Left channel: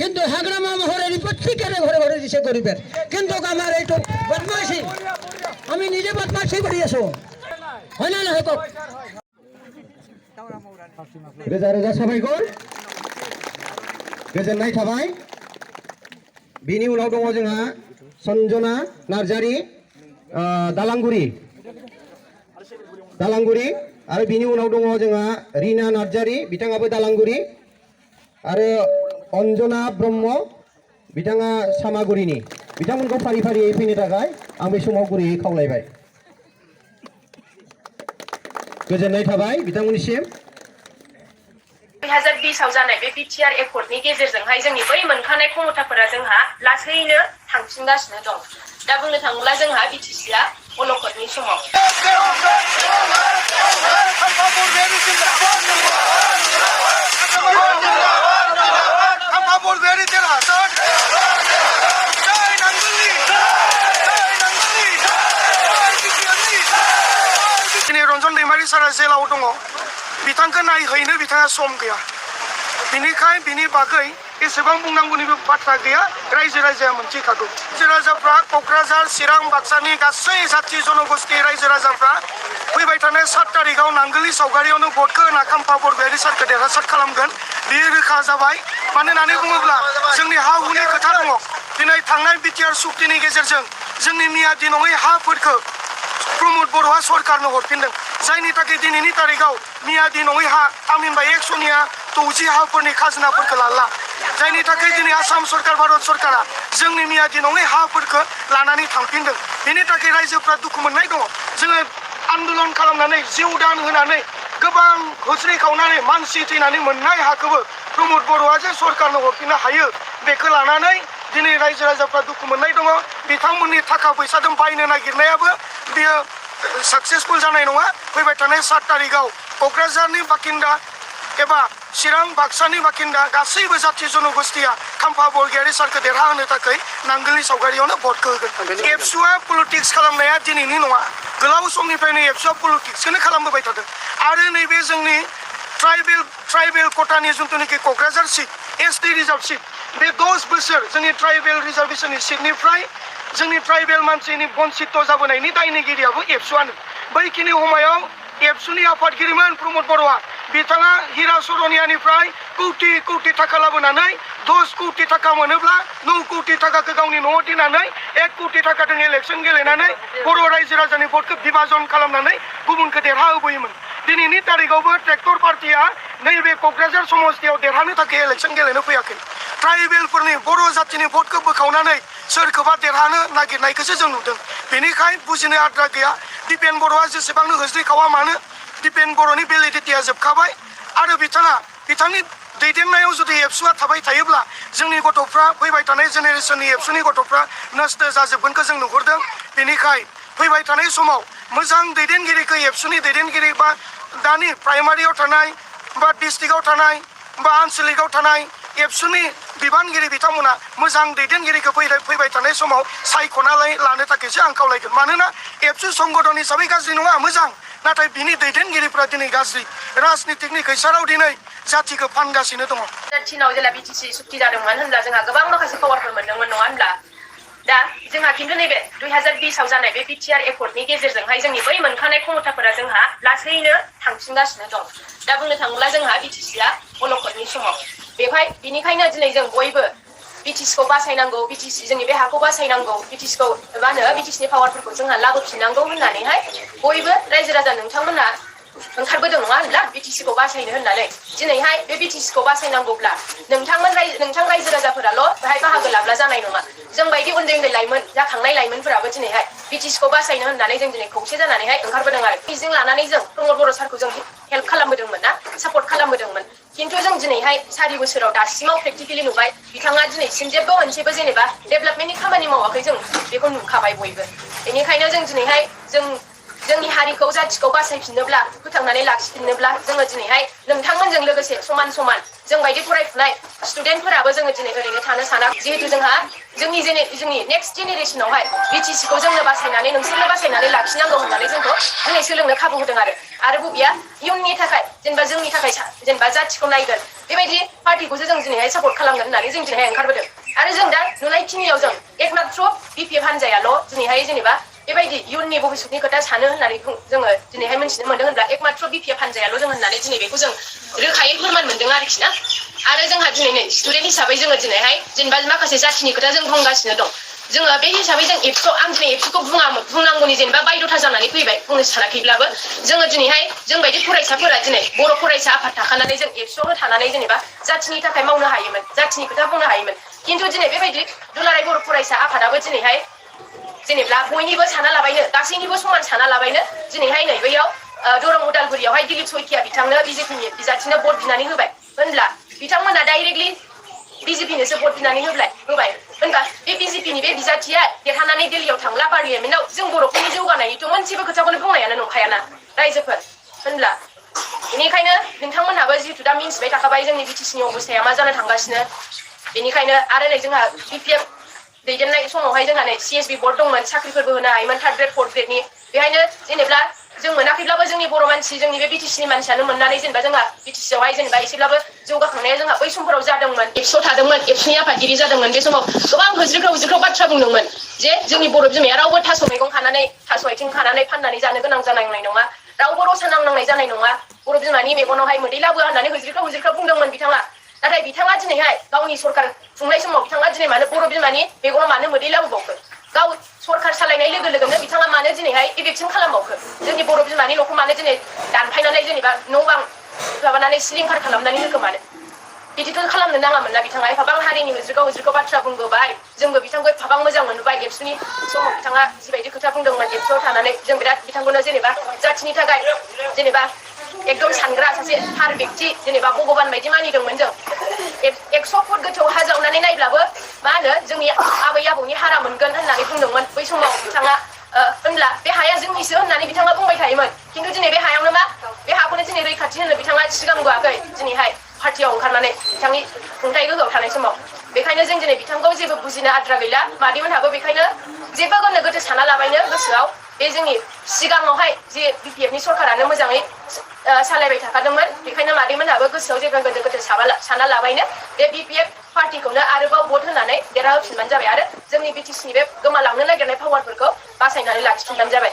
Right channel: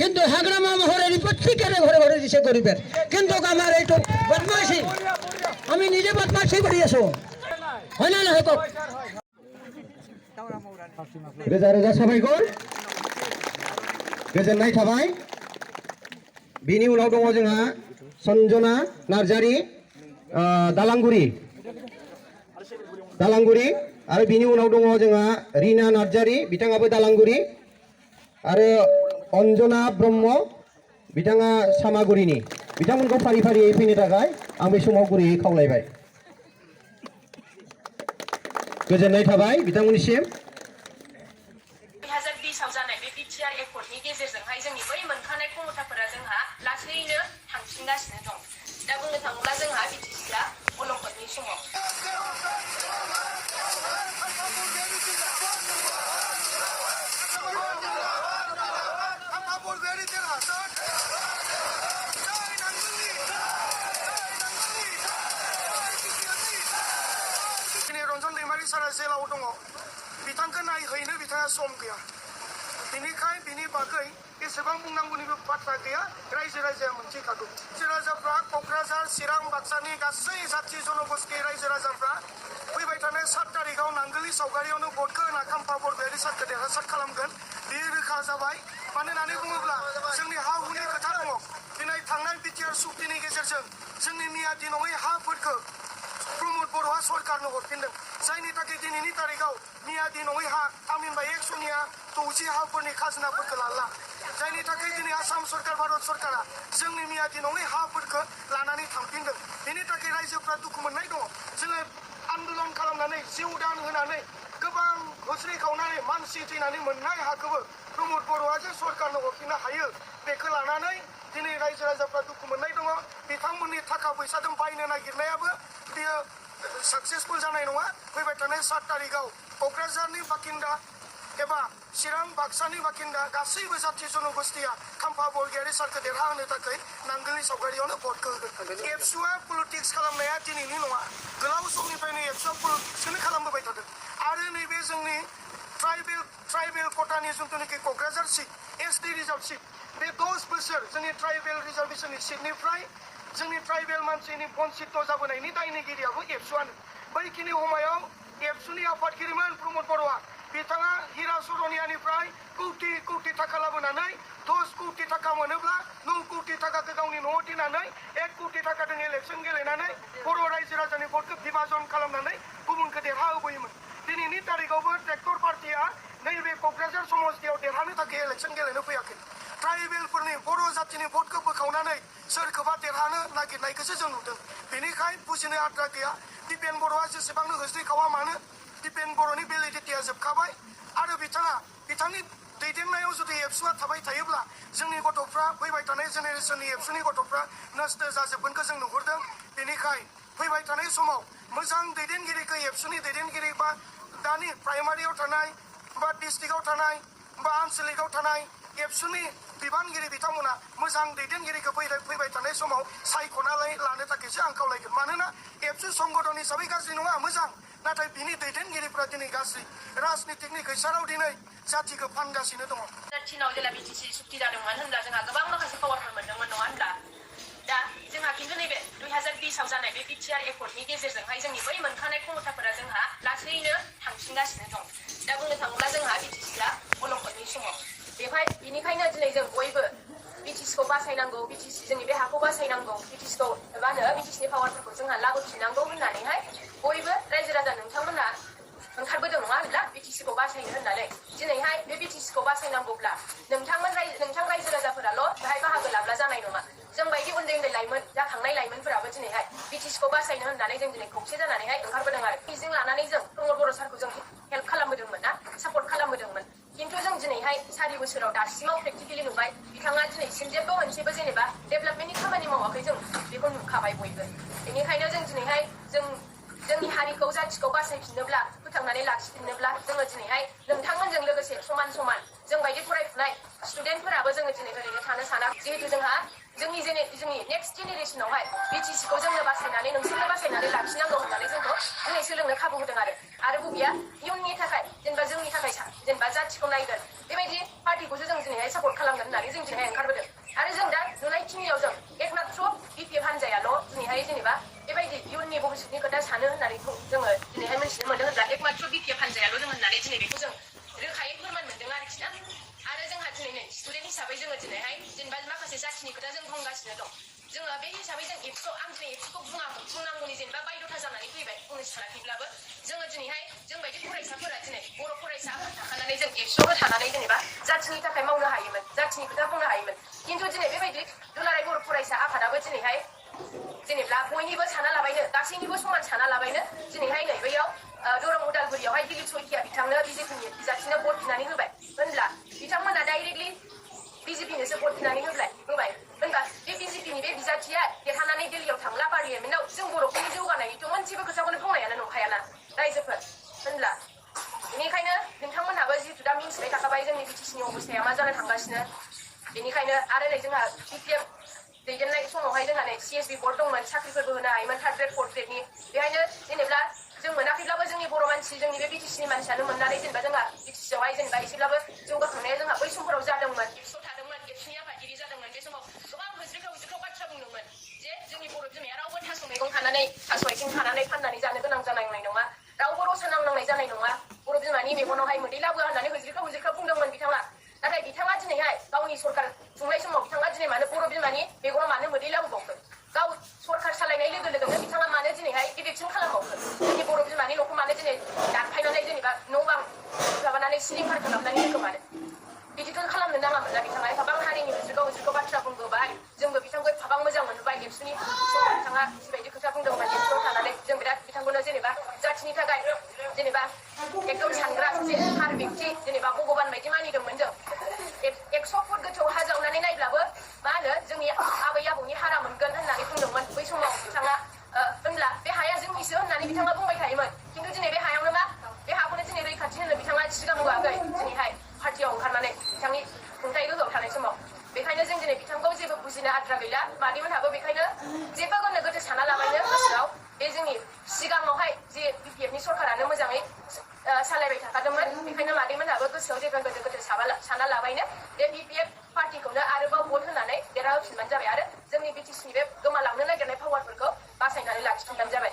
কিন্তু হাগরামা মহরের প্রত্যেকের ঘরে ঘরে দিছে গরিবের কিন্তু আমার এইটু বদমাশি আমি নিজে বদমাশি করি আছো হয় না না হোক রেজা রেজা সবাই গল गोजोननाय थाबाय बिनि उनाव दङ जोंहा सन्जना नार्जारी दालांगुरि आरो बिनि उनाव दङ जोंहा रिना नार्जारी बिथाङाबो दालांगुरि आरो अन्जना ब्रह्म बिथाङा सामागुरिनि बिथांमोनखौ फारि फारियै फैनो थाखाय आं बे समाव गुरैयै खावलायबाय गोजोननाय थाबाय बिथांमोननिसिम 2020 जानाय बे बिटिआर एकर्डनि गेजेरजोंहाय जोंनि बै मोनखानाय क्षमताफोरा जोंहा लासैनो थांफिनगासिनो दं दा बुंनो थाङोब्ला जोंहा बिटिसिआ अलखदनि समाव रन्जन दैमारि सारा जेलाव दङ बिथांखौ नायहैनो बिथाङा सम गैया बिनिखाय बिनि बागै एसेबां बुंनांगौनिबो बाथ्रा गैया रायजो राजाया मोनथिखागौ रायजो राजाफ्रा क'क्राझार चिरां बाक्सानि गासै जाथि जनगोष्ठी रायजो राजाफ्रा फैबाय थानाय 7 तारिखआव नांगोलनि सावगारियावनो भटखौ होना खाम्फा बरगयारि सारखौ देरहासार खालामगोन बेयो रोखा जाबाय मानो होननानै बुङोब्ला जोंनि हा हुनि खोथा दङ दिनै थांनाय बिटिआर सुक्तिनि गेजेरजों जोंनि मियादि नङै हाफोरखौ प्रमद बर'आ सरकारनो हरफिनदों जायनि थाखाय दिनैनि तारिखआव मियादि नङै हा थामहिनबा 160 हाफोरनि खाजोनाफोरखौ लाला जायनि थाखाय दिनै आसाम सरकार भारत सरकारा जोंनि मियादि नङै हाफोरखौ लानानै थांफिनदों बेनि थाखाय रायजोफ्रा दुखु मोननाय दङ जोङो आन्दोलन खालामनानै जिउ दान होनानै गोबां होस्रिखावनानै मानसि थैनानै मोननाय हाखौबो प्रमद बर'आ जे सरकारनो हरफिननो हायो बेखौ लानानै दिनै रायजो राजाफ्रा दुखु मोननाय दङ बिथांमोननि थाखा फैसाजों बायनो नागिरनायाबो बेयो सक्सेसफुल जानाय नङा फैबाय थानाय 7 तारिखआव क'क्राझारनि बाकिन्दा एबा चिरां बाक्सानि बाकिन्दा गासैबो जाथि जनगोष्ठीया खाम्फा बरगयारि सारखौ देरहाहोनो थाखाय नांगोलनि सावगारियावनो भटखौ होगोन एबसुआ पलिटिक्स खालामनाया दिनैनि नङा गोलाव समनिफ्रायनो एबसुआ पलिटिक्सखौनो खालामबोबाय थादों आरो नैबे जोंनि ट्राइबेल कोटानि जिथुनाखि Kokrajhar seat ST reserve seat बे 10 बोसोर जोंनि ट्राइबेल रिजार्भेशननि सीटनिफ्राय जोंनि ट्राइबेल मानसिनि बन्चित जाबोनायनि दायनिगिरियाबो एबसुआनो बैखिनि समायाव एबसुनि आफादगिरिमोन प्रमद बर'आ बिथाङा हिरा सरनियानिफ्राय कौटि थाखा लाबोनानै 10 कौटि थाखा मोनोब्ला 9 कौटि थाखाखौ गावनि न'आव दोननानै 1 कौटि थाखाजों इलेक्सन गेलेनानै बर' रायजो राजानि भटखौ बिभाजन खालामनानै गुबुनखौ देरहाहोबोयोमोन दिनैनि तारिखआवबो ट्रेक्टर पार्टिया नैबे क'क्राझार समस्तियाव देरहानो थाखाय इलेक्सन गेलेनो फैयाखै ट्राइबेलफोरनि बर' जातिनि भटखौ बोखावनानै सोरखौबा देरहानो नागिरनायखौसो जों नुदों बेनिखाय बुजिनो आद्रा गैया दिपेन बर'आ जेसेबांनो होस्रिखावा मानो दिपेन बर'नि भेलिडिटिया जोबखाबाय आरो बिथांनि दैदेननायाव जुदि एबसुआ थाबाय थायोब्ला जोंनि गथ'फ्रा फैबाय थानाय जेनेरेसननि एबसुनि गथ'फ्रा नस्थ जाजोबगोनखौ जों नुहुरदों बेनिखाय फैबाय थानाय समाव मोजां दैदेनगिरिखौ एबसुनि दैदेनगिरि बा दानि प्राइमारियाव थानाय बा डिस्ट्रिक्टआव थानाय बा आनसलिकआव थानाय एबसुनि बिबानगिरि बिथांमोना मोजां दैदेनगिरिखौ फैबाय थानाय समाव सायख'नानै लानो थाखायसो आं खावलायगोन मानोना एबसु संगठन हिसाबै गाज्रि नङा मोजां नाथाय बिनि दैदेनगिरिफ्रा दिनै गाज्रि राजनितिकनि खैसाराव दिनै जातिखौ फानगासिनो दङ चीनाव जेला बिटिसि सुक्ति जादोंमोन होनब्ला जोंहा गोबां माखासे पावारफोर मोनदोंमोन नङा होनब्ला दा जोंहा खिन्थु नैबे 2020 जानाय बे बिटिआर एकर्डनि गेजेरजोंहाय जोंनि बै मोनखानाय क्षमताफोरा जोंहा लासैनो थांफिनगासिनो दं दा बुंनो थाङोब्ला जोंहा बिटिसिआ अलखदनि समाव बेनिखायनो दिनै जों बयबो बिटिसिखौ बासायनांगौ बिटिसि जोंनि बे हाखौ बासायनांगौ बिटिसिखौ मा होनो बिटिसिनि पावारफोरखौ जोंहा लाबोफिननांगौ होननानैहाय बयबो रायजो राजा नोंथांमोना ओंखारबोदों नङा होनब्ला बिटिसिखौ बासायनो होननानै दिनैहाय बे बिटिसिखौ बासायनांगौब्ला नोंथां रायजो राजाफोराल' बेहाय बाहागो लाब्ला जानाय नङा जों बायदि उन्दै लाइमोन जाखांनाय लाइमोनफोराबो दिनैहाय बिटिसिखौ बासायनो होननानै जों दिनै खौसे जानानैहाय ओंखारबोदों आरो मिजिं लानानै जों प्रमद बर' सारखौ जों हेल्प खालामबोदोंमोन ना सापर्ट खालामबोदोंमोन किन्तु जों दिनैहाय 4 बोसोराव दासिमाव प्रेक्टिकेलि नुबाय बिथाङा दिनैसिम जेबो मोनसेबो जेनेबा डेभेलपमेन्टनि खामानि मावाखै जों बेखौ नुखाबाय बयबो बेनिखायनो जों दिनैहाय जोंनि हारिखौ जातिखौ बासायफिननोब्ला फोथांनानै लाखिफिननोब्ला जोङो दिनैहाय नोंथांमोनजों लोगोसे समान जों बायदि फरायफुनाय स्टुडेन्टफोराबो जोङो दिनै ओरैनो थानो साना जिहेतु जोंहा जोंनि नेक्स्ट जेनेरेसनावहाय बिटिसिखौ जोंनो बासायनानै नोंसोरनो बासायनानै लाखिनांगौ होननानै जोंखौ दिनै सोलोंनो खाबु होदों आरो बबेया इयुननि थाखाय जेनेबा जोंनि थाखाय जेनेबा जातिखौ नायगोन बेबायदि पार्टिखौसो जों दिनैहाय सापर्ट खालामगोन होननानै जों दिनैहाय ओंखारबोदों आरो जों दा नुनायखिनियाव जों एकमात्र बिपिएफ हान्जायाल' दिनैहाय जेनेबा बेबायदि इयुननि भबिष्यतनि खोथा सानो होननानै जोङो दिनैहाय मिन्थिनो मोनदों होनब्ला एकमात्र बिपिएफ हान्जायाल' जों होननानै दिनै बेखौ जों रोखायै फोरमान मोनदों आरोखि ना आरो जोंहा दिनै नै स्टुडेन्ट हिसाबै जोङो दिनैहाय जेनेबा माखासे जाथिनि खोथा जों बुंगासिनो दं जोङो बे हिसाबै जों एबसु आं दिनै एबसुखौ बुंनांगौनि जेनेबा बायद'था जानानै फैबाय बुंनो सानाखैब्लाबो जोङो दिनैहाय जोंबायदि फरायसाफोरा दिनै बर' फरायसा आफाद थाखानानै जों एबसुआवनो थानानै जेनेबा जाथिनि थाखाय मावनो हायोमोन जाथिनि खोथा बुंनो हायोमोन खिन्थु दिनै बेबायदि दुलाराय बर' फरायसा आफादाबो दिनैहाय जेनेबा बयनिबो साना लाबायनो गासैनिबो समान साना लाबायनो दिनैहाय नै बैयाव दरं उदालगुरियावहाय दिलीप सयकिया बिथांनो बिजेपिनि बिजाथिनो भट बिनानै होबाय होनब्ला बिथांमोना डाइरेक्टलि बिजेपिनोसो भट बिनानै होबाय होनबा बे बिजेपिनि बे बिजाथिया देरहानानै दिल्लीयाव थांला पार्लियामेन्टआव जों बर'फोरनि जौगानायनिथ' मोनसेबो खोथाखौनो बुंनायानो नंखायाना रायजोफोर होनब्ला बेनिखायनो नोंथांमोनहाबो जिहेतु दा मिन्थिबाय थाखाबाय जोंनि बिटिसिनि अबस्थाया मा जानो थांगासिनो बेनिखायनो आरो नै जोंहा बिपिएफ दैदेननाय समावहाय जोंहा नै सिएसबि बर्ड दंमोन साख्रिफोरबो होनो हायोमोन 3rd ग्रेड 4th ग्रेडनि बेहायनो जेनेबा जों मोनाखैब्लाबो जोंनि बर' मानसि जोंनि बे बिटिसिनि मानसियानो मोननानै जेनेबा जोंहा बिटिसियावहाय जेनेबा एसेब्लाबो जौगाखांनाया जोंहा बै समफोराव जादोंमोन एबसुआव थादोंमोन एबसुनि आफादगिरि जादोंमोन बे समाव गोबां होज्रिख्राव बाथ्रा बुंदोंमोन जे जोंनि बर' बिमाया रावबो थास' मैगं खानानै थास' आथिं खानानै फाननानै जानो गोनां जानाय नङा रावबो रसा नांनांनाय जानाय नङा बर' बिमानि मेगनावहाय मोदै लाबोआ होननानै होज्रिख्राव बुंदोंमोन बिथाङा नाथाय बिथाङा दिनैहाय गावनि सरकार खुंनाय समाव बिथाङा दिनै मानो बर' बिमानि मेगनाव मानो मोदै लाबोबावखो गाव सरकार सालायनाय लोगो लोगोनो बिथाङा मानो दिनैहाय इलेक्सन खालामबावखो जोंनि बर' बिमानि न'खौ मानो दिनै दानफायनानै जेनेबा न' बां माबानानै सिलिंखार खालामनानै होखो मानो बिदिथ' खालामनो नाङामोन ना बिथाङा एफाबां हारिनि होज्रिख्राव बाथ्रा बुंबोबाय जोंबो बिथांखौ एफाबां मोजां मोनबाय एबसुनि समाव बिथाङा जिबायदि खोथा बुंदोंमोन एबसुआव थानानै जों बिराद बिथांखौनो जेनेबा जाथिनि थाखाय जेनेबा एकदम सानग्रा सासे थार व्यक्ति जेनेबा भगबान बायदि मानिदोंमोन जों 100 फुट गोथौ हा जावनानै नायब्लाबो मा होनो जोंनि आबै आबौनि हारा मोनगोन होननानै बुंदोंमोन बै समाव बिथाङा होनब्ला बे हाया जोंनिसो होननानै बिथाङा बुंबाय थायोमोन खिन्थु दिनै बे हायावनो मा बे हाखौनो दिनै रैखाथि होनो बिथाङा सिगांबोआखै दिनैहाय पार्टियाव ओंखारनानै बिथांनि खुंथाय गोहोआव थानाय समाव बेखायनो जों दिनै बिथांखौ जेबो बुजिनो आद्रा गैला मादैमोनहाबो बेखायनो जेबो गोनो गोथो साना लाबायनो गोसोआव बे जोंनि सिगाङावहाय जे बिपिएफनि सरकारानो मोजाङै सालायबाय थाखादोंमोन बेखायनो मादैमोनहाबो गोसोआव जेबो गोनो गोथो साना लाबायनो बे बिपिएफ पार्टिखौनो आरोबाव भट होनानै देरहाहोफिनबानो जाबाय आरो जोंनि बिटिसिनि बे गोमालांनो नागिरनाय पावारफोरखौ बासायनानै लाखिफिनबानो जाबाय